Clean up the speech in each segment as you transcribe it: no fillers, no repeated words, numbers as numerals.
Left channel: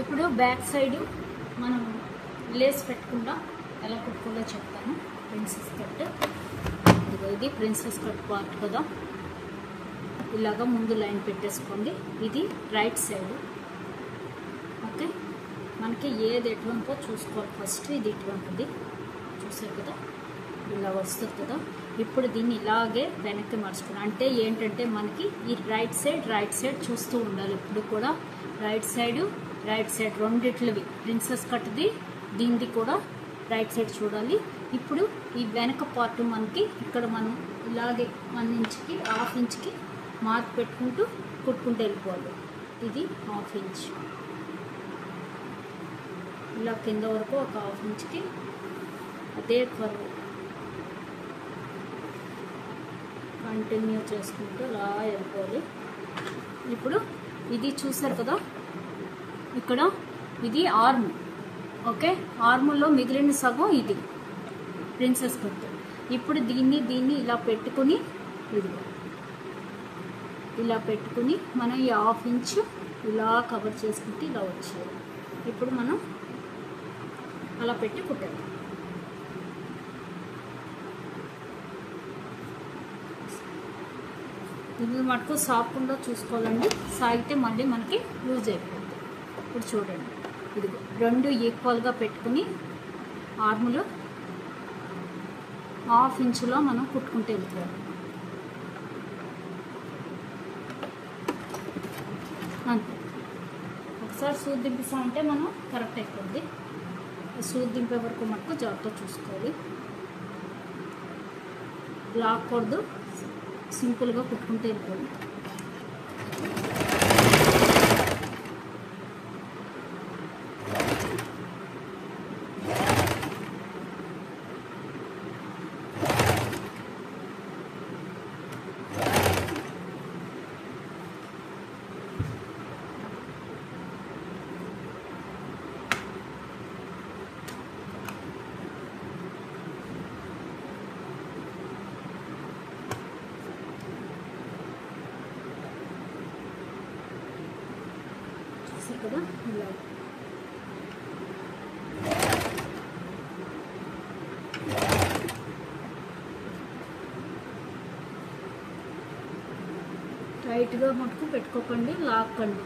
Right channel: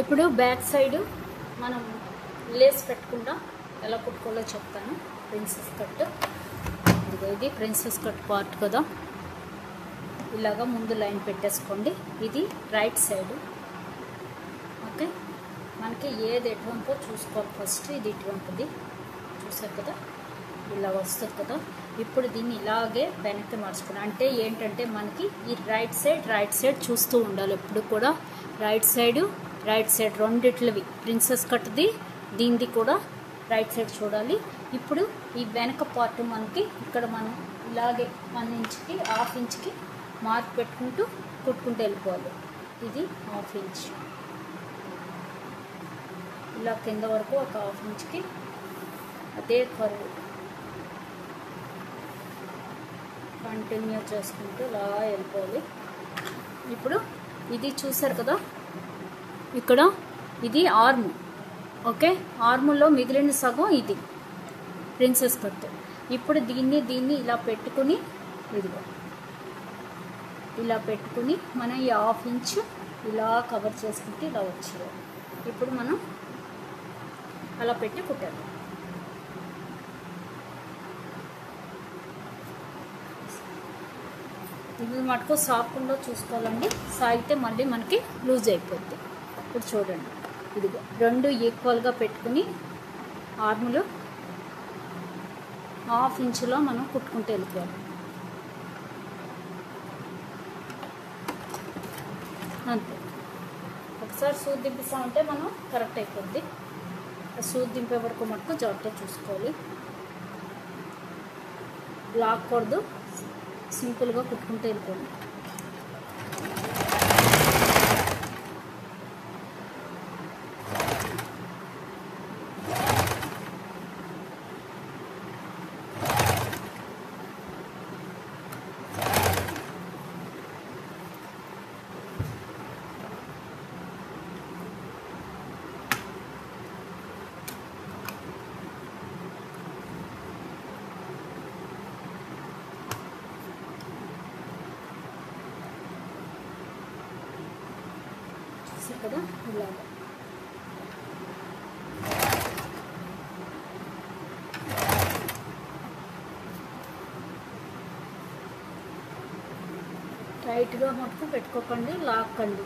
ఇప్పుడు back side మనం Lay's పెట్టకుండా ఎలా కుట్టుకోవాలో చెప్తాను. ప్రిన్సెస్ కట్ ఇది ప్రిన్సెస్ కట్ పార్ట్ కదా. ఇలాగా ముందు లైన్ పెట్టేసుకోండి. ఇది రైట్ సైడ్. ఓకే, మనకి ఏది ఎటువంటిదో చూసుకోవాలి ఫస్ట్. ఇది ఇటువంటిది చూసారు కదా, ఇలా వస్తుంది కదా. ఇప్పుడు దీన్ని ఇలాగే వెనక్కి మార్చుకోండి. అంటే ఏంటంటే మనకి ఈ రైట్ సైడ్ చూస్తూ ఉండాలి ఎప్పుడు కూడా. రైట్ సైడ్ రెండిట్లవి ప్రిన్సెస్ కట్ది దీనిది కూడా రైట్ సైడ్ చూడాలి. ఇప్పుడు ఈ వెనక పార్ట్ మనకి ఇక్కడ మనం ఇలాగే 1 ఇంచ్కి 1/2 ఇంచ్కి మార్క్ పెట్టుకుంటూ కుట్టుకుంటూ వెళ్ళిపోవాలి. ఇది 1/2 ఇంచ్, ఇలా కింద వరకు ఒక 1/2 ఇంచ్కి అదే కర్వ్ కంటిన్యూ చేసుకుంటూ ఇలా వెళ్ళిపోవాలి. ఇప్పుడు ఇది చూసారు కదా, ఇక్కడ ఇది ఆర్మ్. ఓకే, ఆర్ములో మిగిలిన సగం ఇది ప్రిన్సెస్ కట్. ఇప్పుడు దీన్ని ఇలా పెట్టుకుని ఇలా పెట్టుకుని మనం ఈ 1/2 ఇంచ్ ఇలా కవర్ చేసుకుంటే ఇలా వచ్చింది. ఇప్పుడు మనం అలా పెట్టి కుట్టాలి. ఇది మటుకు సాగకుండా చూసుకోవాలండి. సాగితే మళ్ళీ మనకి లూజ్ అయిపోతుంది. ఇప్పుడు చూడండి, ఇదిగో 2 ఈక్వల్గా పెట్టుకుని ఆర్ములు 1/2 ఇంచులో మనం కుట్టుకుంటూ వెళ్ళిపోవాలి. అంతే. ఒకసారి సూది దింపిస్తామంటే మనం కరెక్ట్ అయిపోద్ది. సూది దింపే వరకు మటుకు జాగ్రత్తగా చూసుకోవాలి. లాక్కూడదు, సింపుల్గా కుట్టుకుంటూ వెళ్ళిపోండి. కదా ఇలా టైట్గా మటుకు పెట్టుకోకండి, లాక్కండి.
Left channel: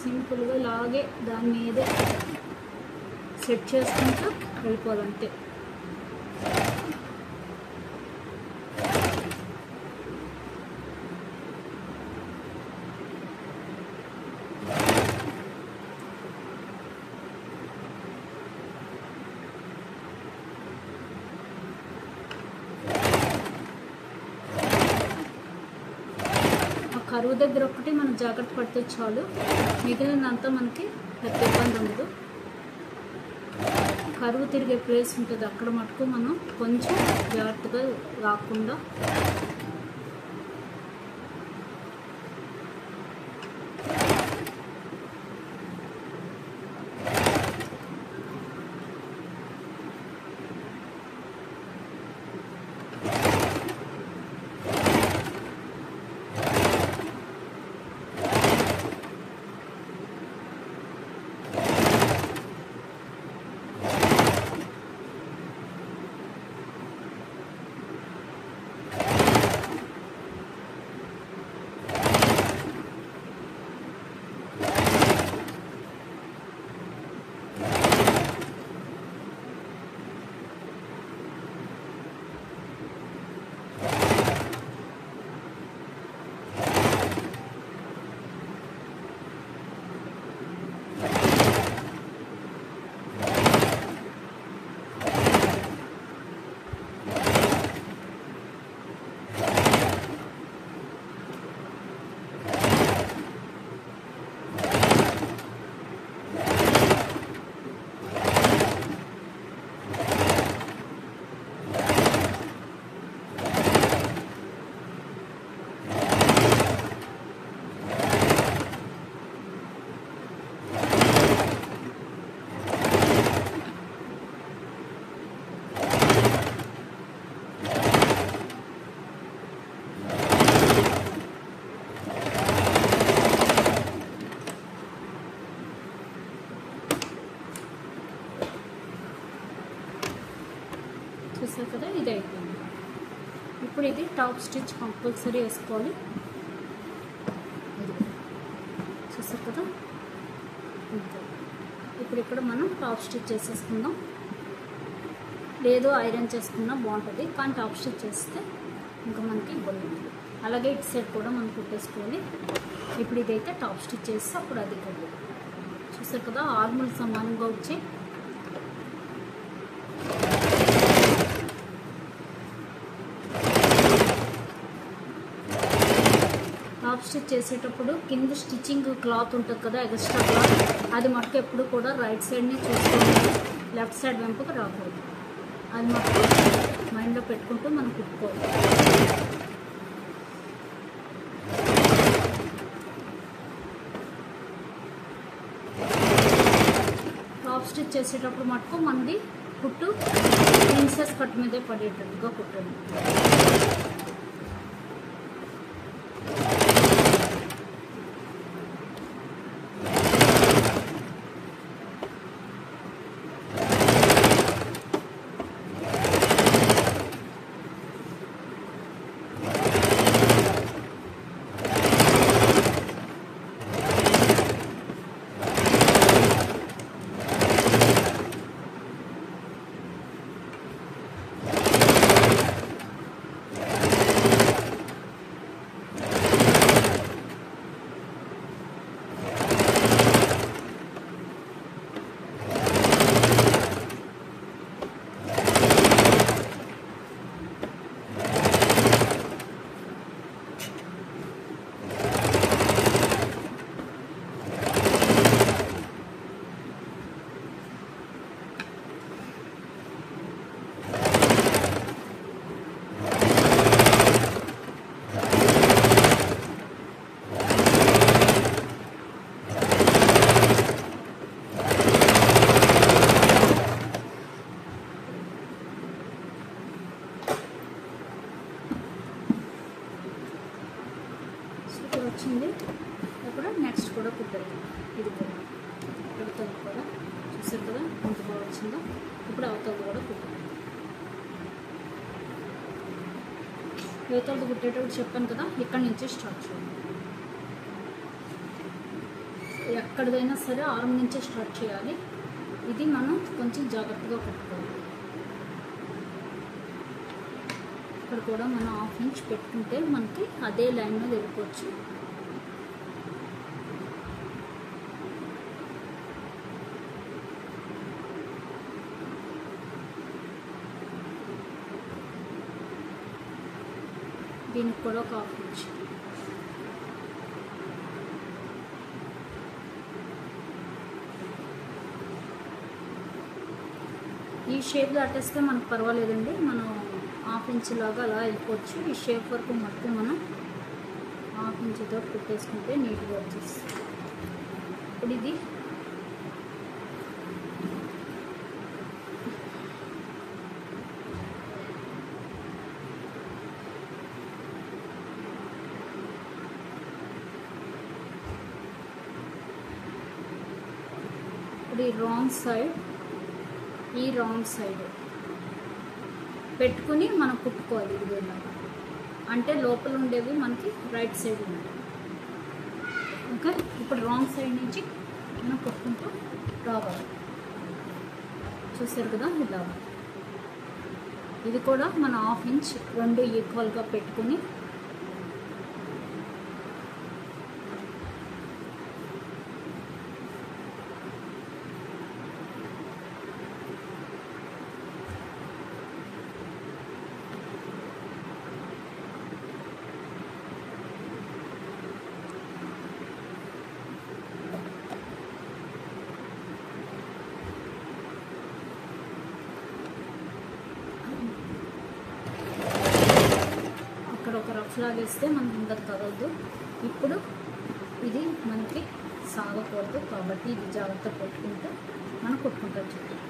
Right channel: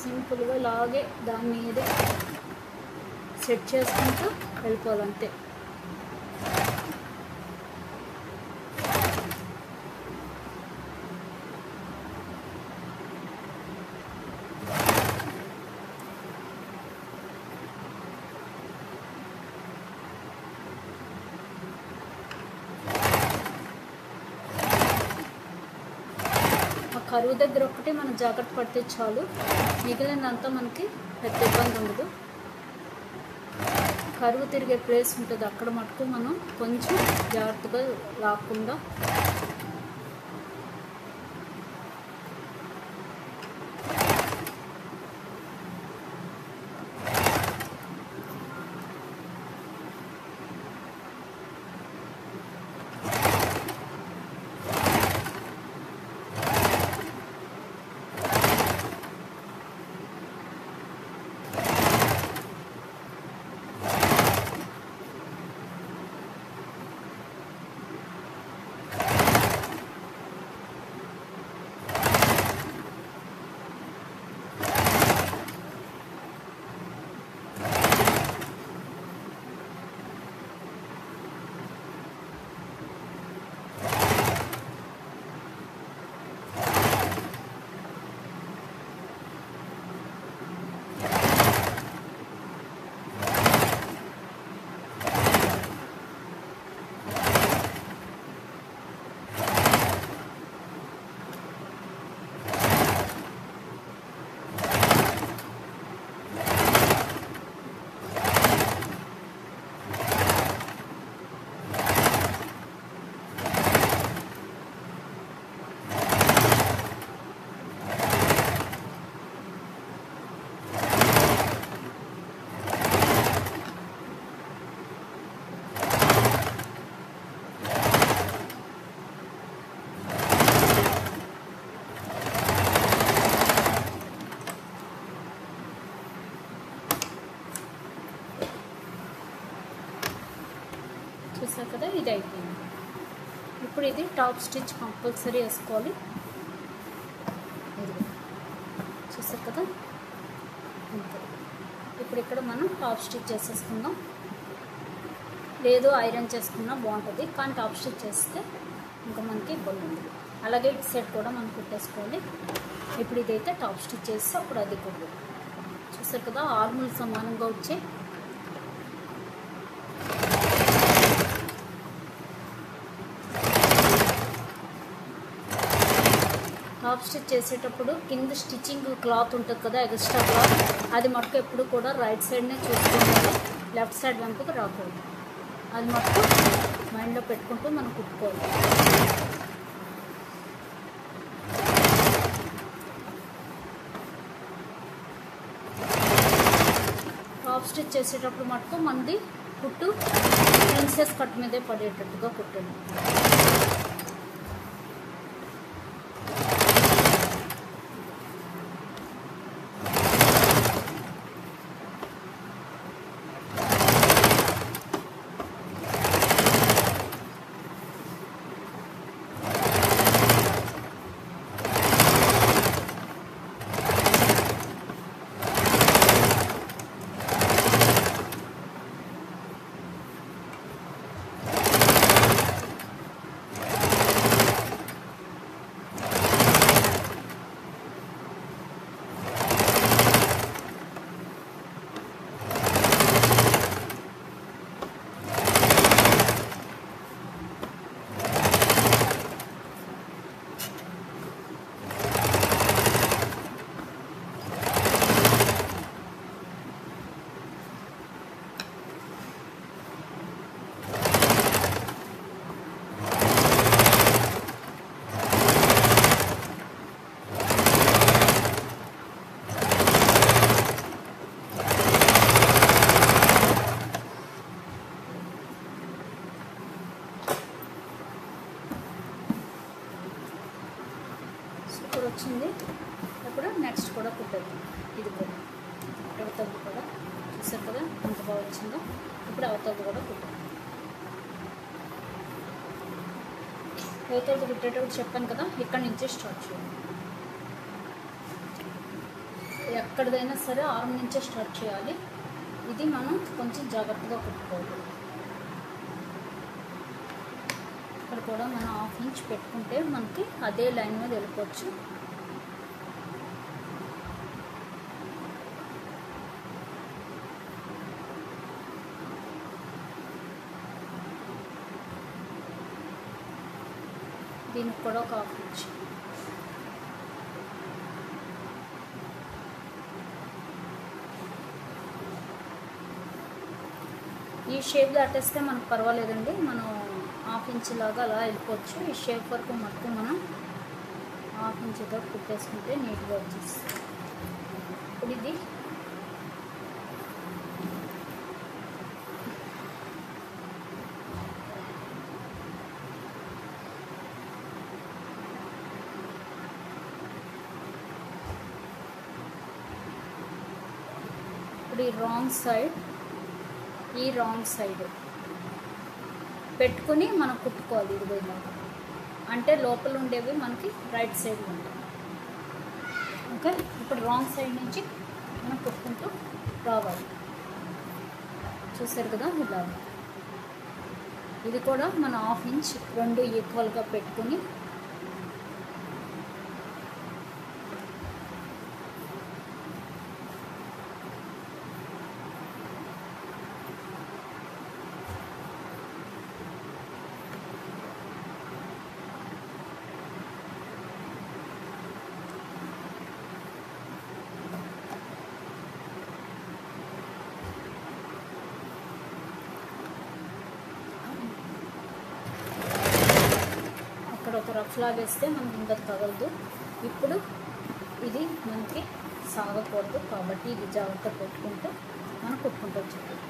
సింపుల్గా లాగే దాని మీద సెట్ చేసుకుంటూ వెళ్ళిపోవాలంతే. కరువు దగ్గర ఒక్కటి మనం జాగ్రత్త పడితే చాలు, మిగిలినంతా మనకి పెద్ద ఇబ్బంది ఉండదు. కరువు తిరిగే ప్లేస్ ఉంటుంది, అక్కడ మటుకు మనం కొంచెం జాగ్రత్తగా రాకుండా ఇది అయిపోయింది. ఇప్పుడు ఇది టాప్ స్టిచ్ కంపల్సరీ వేసుకోవాలి. చూసారు కదా. ఇప్పుడు ఇక్కడ మనం టాప్ స్టిచ్ చేసేసుకుందాం. లేదు ఐరన్ చేసుకున్నా బాగుంటుంది, కానీ టాప్ స్టిచ్ చేస్తే ఇంకా మనకి బాగుంటుంది. అలాగే ఇటు సైడ్ కూడా మనం కుట్టేసుకోండి. ఇప్పుడు ఇదైతే టాప్ స్టిచ్ చేస్తే అప్పుడు అది కుట్టు. చూసారు కదా ఆర్ములు సమానంగా వచ్చి టాప్ స్టిచ్ చేసేటప్పుడు కింద స్టిచ్చింగ్ క్లాత్ ఉంటుంది కదా, ఎక్స్ట్రా క్లాత్, అది మటుకు ఎప్పుడు కూడా రైట్ సైడ్నే చూసుకోండి, లెఫ్ట్ సైడ్ వెంపుకు రాకూడదు. అది మటుకు మైండ్లో పెట్టుకుంటూ మనం కుట్టుకోవాలి. టాప్ స్టిచ్ చేసేటప్పుడు మటుకు మనది కుట్టు ప్రిన్సెస్ కట్ మీదే పడేటట్టుగా కుట్టండి. వచ్చింది. ఇప్పుడు నెక్స్ట్ కూడా కుట్టేద్దాం. ఇది కూడా అవతల కూడా చూసారు కదా ఎంత బాగా వచ్చిందో. ఇప్పుడు అవతల కూడా కుట్టాలి. అవతల కుట్టేటప్పుడు చెప్పాను కదా, ఇక్కడ నుంచి స్టార్ట్ చేయాలి. ఎక్కడిదైనా సరే ఆర్మ్ నుంచే స్టార్ట్ చేయాలి. ఇది మనం కొంచెం జాగ్రత్తగా కుట్టుకోవాలి. ఇక్కడ కూడా మనం 1/2 ఇంచ్ పెట్టుకుంటే మనకి అదే లైన్ మీద వెళ్ళిపోవచ్చు. దీనికి కూడా 1/2 ఇంచ్. ఈ షేప్ దాటేస్తే మనకు పర్వాలేదండి, మనం 1/2 ఇంచ్ లాగా అలా వెళ్ళిపోవచ్చు. ఈ షేప్ వరకు మొత్తం మనం 1/2 ఇంచ్ తోటి కుట్టేసుకుంటే నీట్గా వచ్చేస్తుంది. ఇప్పుడు ఇది ఈ రాంగ్ సైడ్ పెట్టుకుని మనం కుట్టుకోవాలి. ఇది విధంగా అంటే లోపల ఉండేవి మనకి రైట్ సైడ్ ఉంటాయి. ఓకే, ఇప్పుడు రాంగ్ సైడ్ నుంచి మనం కుట్టుకుంటూ రావాలి. చూసారు కదా ఇలా. ఇది కూడా మనం 1/2 ఇంచ్ రెండు ఈక్వల్గా పెట్టుకుని రఫ్లా వేస్తే మనకి ఇంకా తగలదు. ఇప్పుడు ఇది మనకి సాగకూడదు కాబట్టి ఇది జాగ్రత్త పెట్టుకుంటే మనం కుట్టుకుంటూ వచ్చేది.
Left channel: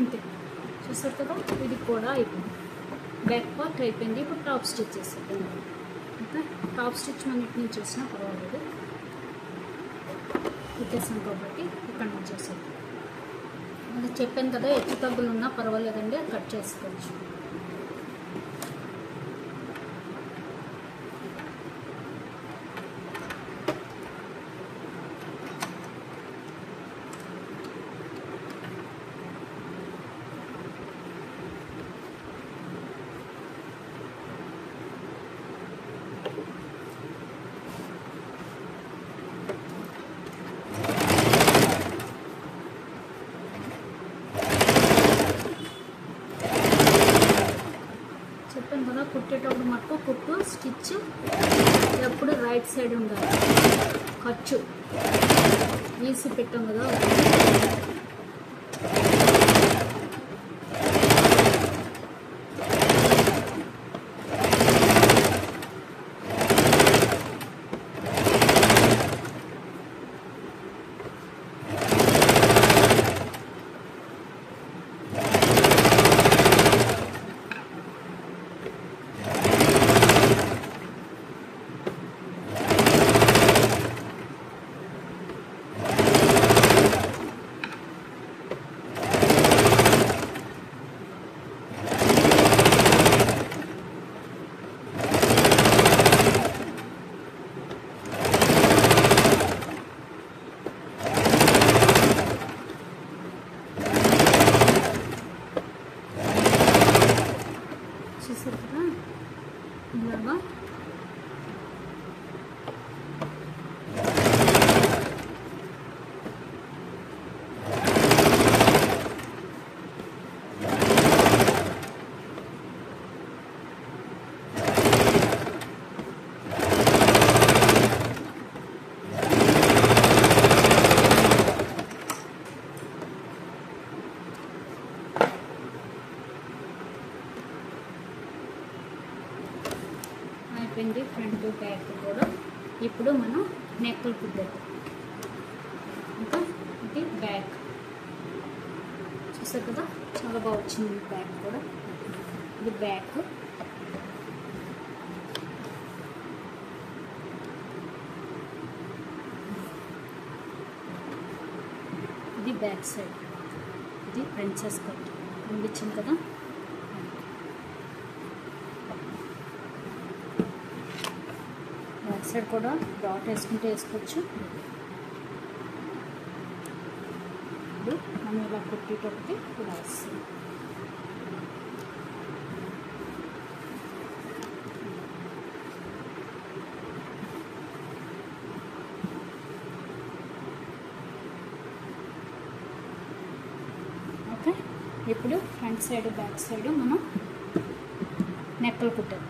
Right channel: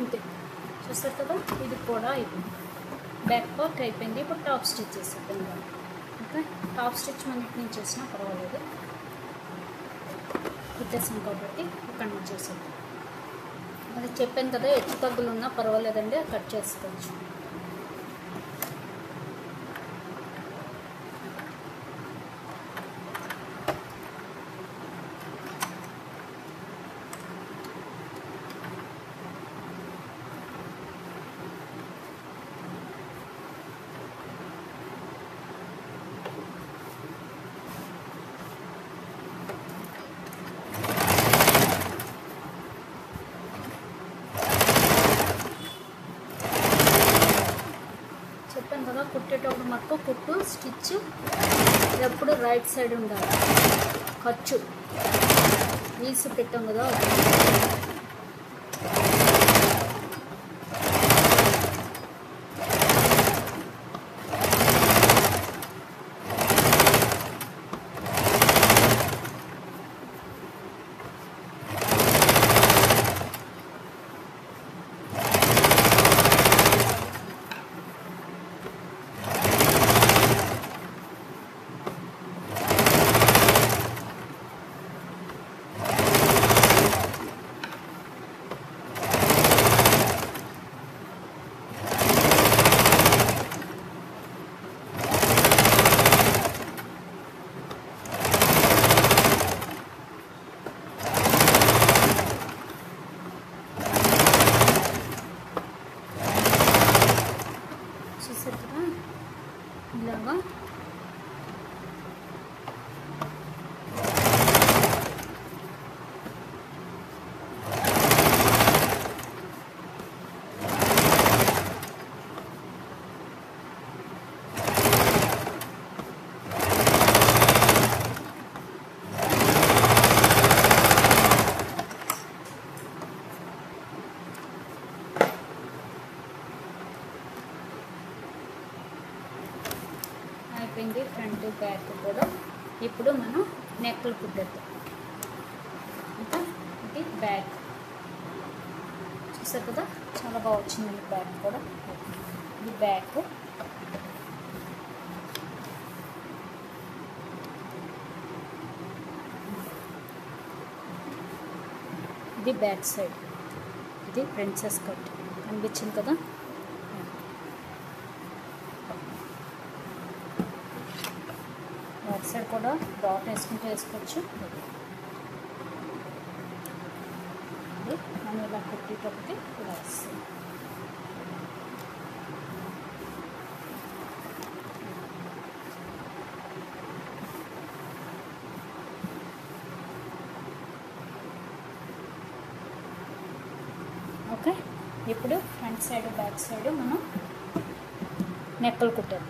ఇంతే. చూసారు కదా, ఇది కూడా అయిపోయింది. బ్యాక్ పార్ట్ అయిపోయింది. ఇప్పుడు టాప్ స్టిచ్ చేసేద్దాం. ఓకే, టాప్ స్టిచ్ మనం ఇటు నుంచి చేసినా పర్వాలేదు, కుట్టేసాం కాబట్టి ఇక్కడ నుంచి చేసేద్దాం. అది చెప్పాను కదా, ఎత్తు తగ్గులు ఉన్నా పర్వాలేదండి, కట్ చేసుకోవచ్చు. చెప్పాను కదా, కుట్టేటప్పుడు మటుకు కుట్టు స్టిచ్ ఎప్పుడు రైట్ సైడ్ ఉండాలి. ఖర్చు ఈసి పెట్టాం కదా, చూసారు కదా ఇలాగా. అయిపోయింది ఫ్రంట్ బ్యాక్ కూడా. ఇప్పుడు మనం నెక్లు కుట్టేద్దాం. ఇంకా ఇది బ్యాక్ చూసారు కదా, చాలా బాగా వచ్చింది బ్యాక్ కూడా. ఇది బ్యాక్, ఇది బ్యాక్ సైడ్, ఇది ప్రిన్సెస్ కట్ కనిపించింది కదా. బ్యాక్ సైడ్ కూడా డాట్ వేసుకుంటే వేసుకోవచ్చు. ఇది మనం ఇలా కుట్టేటప్పటికి ఇలా వస్తుంది. ఓకే, ఇప్పుడు ఫ్రంట్ సైడ్ బ్యాక్ సైడ్ మనం నెక్కలు కుట్టేద్దాం.